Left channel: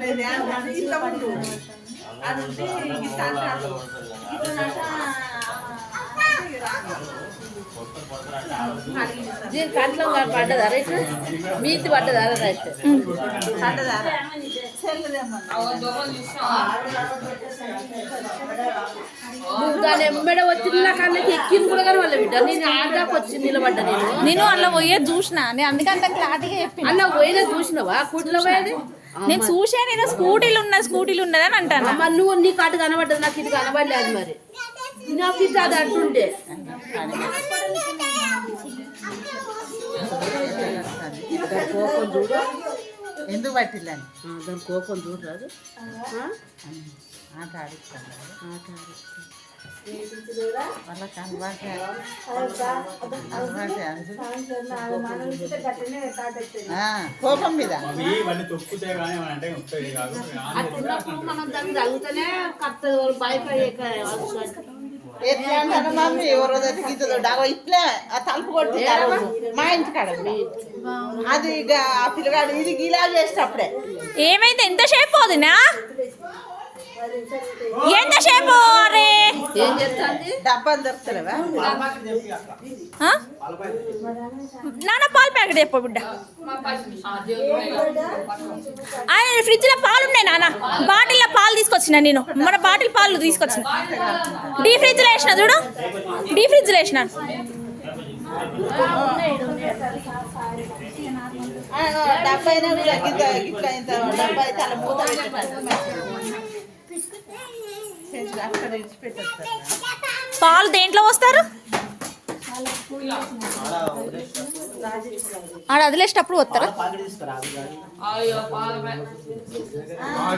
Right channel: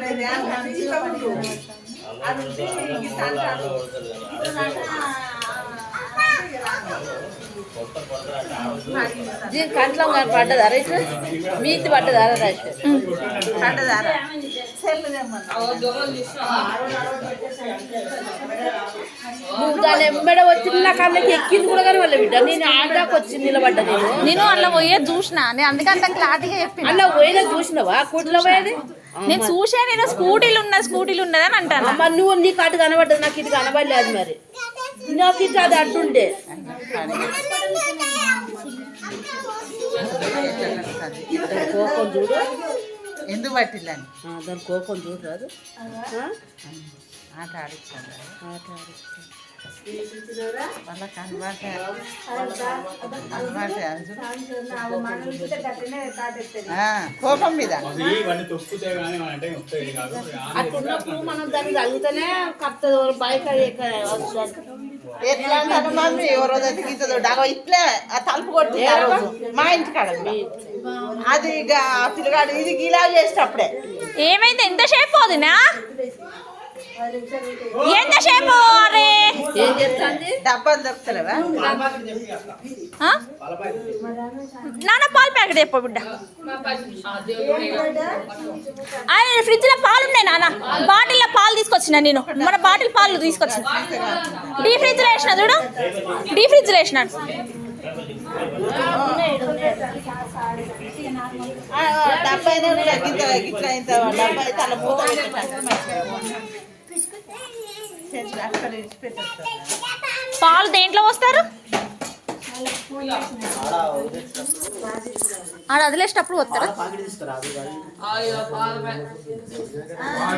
అది. దీని కంట్లో పడ్డదా రైట్ మీతి పడ్డదా రైట్. నువ్వు దాని ఎమ్మడ వచ్చి నా కళ్ళకి ఎక్కింది కూడా కానీ వాళ్ళ బిడ్డ. నేను ఆడాకు వచ్చి నిలబడ్డా నేను. నేను అందులో పోయే చూసిన. నేను అందుకంత క్లారిటీగా చెప్పిన. అన్న పోయినా చూసినావా? కూటిలో పోయేది? నేను చూసా నేను స్కూటీలు ఉన్న స్కూటీలు ఉన్నదని అంటాను? అమ్మ నువ్వు నీ కాటు కనబడ్డది నాకు ఇది కనబడలేదు మరి. ఇది అది అడ్డుండే దాని కోపం చూడు ఎందుకు పట్టిల్లని? ఆ, దాని కోపం చూడు రాదు ఆట ఆడిస్తాను ఆట ఆడిస్తా. వాళ్ళకి అలవాటే అలవాటే కోపం మీద. అవి ఇవన్నీ తొక్కుతే కానీ అంటే వస్తాయి కాదు. అట్టున్నప్పుడు మనం దాన్ని తగ్గుతూనే కత్తది బయట ఎట్లా అంటారు మమ్మీ? ఓ రోజు అయితే గీతదో డాగో ఇట్లే ఆ తలుపు కొట్టి ఆ రోజు. మా ఇంటి కాడ అది ఇక ఆ పిల్లగాడు ఇది గీలా చేసేటప్పుడే. ఏమైంది? ఎంతసేపు వదినా ఎంతసేపు అరే ఏం చెప్తాంది? డబ్బాలు దొరుకుతలేవా? నాన్న పాలు ప్యాకెట్ చెప్పు బిడ్డ. ఆయన ఫ్రిడ్జ్లో పాలు ఉన్నాయి నాన్న. బాటిల్లో పాలు తీసుకొచ్చిన నేను. మన బాటిల్ పాలు తీసుకొచ్చిన. డీ ఫ్రిడ్జ్లో వేసిన చూడు. డీ ఫ్రిడ్జ్లో వేసినాడు. డబ్బా కూడా గిట్ల గిట్ల ఇంత డబ్బా మూత ఇడిచిపెట్టేస్తారు పాలు దేంట్లో వస్తారు ఆడ వదిలేసేటప్పుడు వస్తారా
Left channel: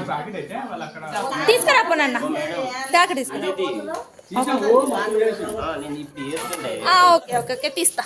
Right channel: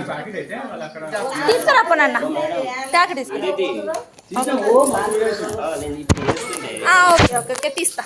ప్యాకెట్ అయితే వాళ్ళు అక్కడ తీసుకురా పో నాన్న. ప్యాకెట్ తీసుకురా. ఆ, ఓకే ఓకే ఓకే తీస్తా.